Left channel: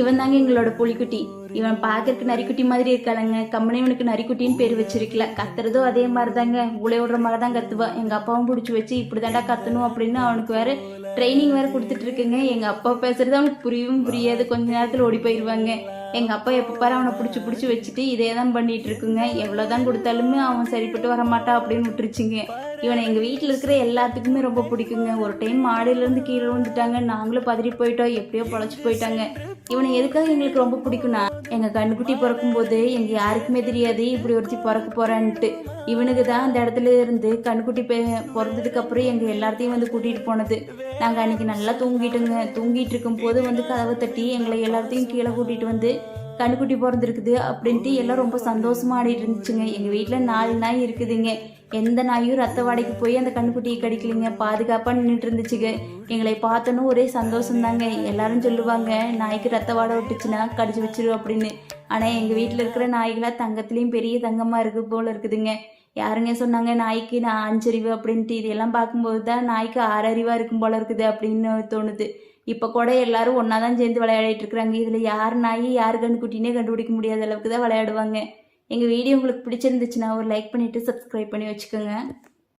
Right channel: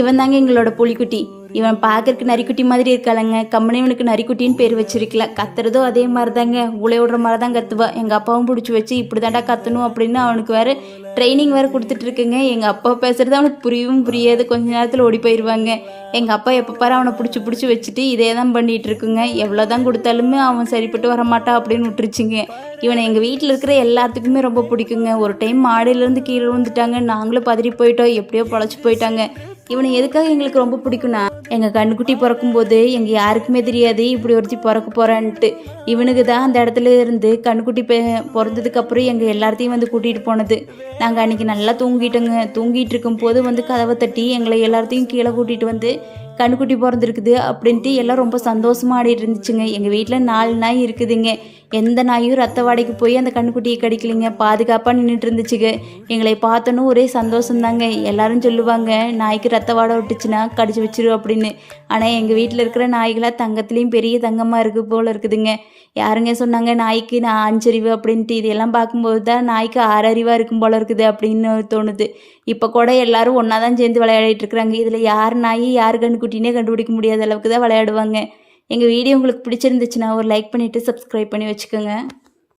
இவன் தாங்க எங்களோட புலிக்குட்டி. இவன் பார்க்கறதுக்கு நரிக்குட்டி மாதிரி இருக்காளங்க. கம்மனே இவனுக்கு நரிக்குட்டின்னு பேர் வச்சிருக்கல. கத்துறதும் அதே மாதிரி தாங்க, உலை விடுற மாதிரி தான் கத்துவா. எங்கள் அப்பாவும் பிடிச்சி வச்சு இப்படி தாண்டா கத்தணும் அப்படின்னு அவனுக்கு வேறு ட்ரைனிங் வேறு கொடுத்துட்டு இருக்குங்க. எங்கள் அப்பா பேசுறது அவனுக்கு புரியவும் புரியாது. கொஞ்ச நேரத்தில் ஓடி போயிடுவாங்க. எங்கள் அப்பா எப்போ பாரு அவனை பிடிச்சி வச்சுட்டு இதே தான் பண்ணிகிட்டு இருக்குங்க. எவ்வளோ தான் கொடுத்தாலுமே அவன் சரிப்பட்டு வரமாட்டான் அப்படின்னு விட்டுருச்சுங்க. இவனை எங்கள் வீட்டில் இருக்கிற எல்லாத்துக்குமே ரொம்ப பிடிக்குங்க. ஒரு டைம் மாடியிலேருந்து கீழே விழுந்துட்டாங்க. நாங்களும் பதறி போயிட்டோம். எப்படியோ பொழைச்சி போயிட்டாங்க. இவனை எதுக்காக எங்களுக்கு ரொம்ப பிடிக்கும்னா, எங்கள் கண்ணுக்குட்டி பிறக்கும்போது எங்கள் யாருக்குமே தெரியாது இப்படி ஒருத்தி பிறக்க போகிறான்ட்டு. இவனுக்கு தான் அந்த இடத்துல இருந்து கண்ணுக்குட்டி பிறந்ததுக்கப்புறம் எங்கள் எல்லாத்தையும் வந்து கூட்டிகிட்டு போனது. நாங்கள் அன்றைக்கி நல்லா தூங்கிட்டு இருக்கும்போது வந்து கதவை தட்டி எங்களை எல்லாத்தையும் கீழே கூட்டிகிட்டு வந்து கண்ணுக்குட்டி பிறந்திருக்குது அப்படின்ட்டு எல்லாம் ரொம்ப சந்தோஷமாக ஆடிட்டு இருந்துச்சுங்க. எங்கள் வீட்டில் 4 நாய் இருக்குதுங்க. எந்த நாயும் ரத்த வாடைக்கு போய் அந்த கண்ணுக்குட்டியை கடிக்கலைங்க. பாதுகாப்பாக நின்றுட்டு இருந்துச்சுங்க. எங்களை பார்த்தோன்னு ஒரே சந்தோஷம்தாங்க. எல்லாரும் சொல்லுவாங்க நாய்க்கு ரத்த வாடை விட்டுச்சுன்னா கடிச்சு வச்சிரு அப்படின்னு. ஆனால் எங்கள் வீட்டில் இருக்கிற நாய்களாக தங்கத்துலேயும் பெரிய தங்கமாக இருக்குது போல் இருக்குதுங்க. யாருங்க சொன்னாங்க நாய்க்கு நான் 5 அறிவு அப்படின்ட்டு? இதெல்லாம் பார்க்கும்போது தான் நாய்க்கு 6 அறிவாக இருக்கும் போல் இருக்குது அப்படின்னு தோணுது. இப்போ கூட எல்லாரும் ஒன்றா தான் சேர்ந்து விளையாடிட்டு இருக்கிறாங்க. இதில் யார் நாய் யார் கண்ணுக்குட்டினே கண்டுபிடிக்க முடியாத அளவுக்கு தான் விளையாடுவாங்க. எங்கள் வீடியோ உங்களுக்கு பிடிச்சிருந்துச்சுன்னா ஒரு லைக் பண்ணிவிட்டு சப்ஸ்கிரைப் பண்ணி வச்சுக்கோங்க.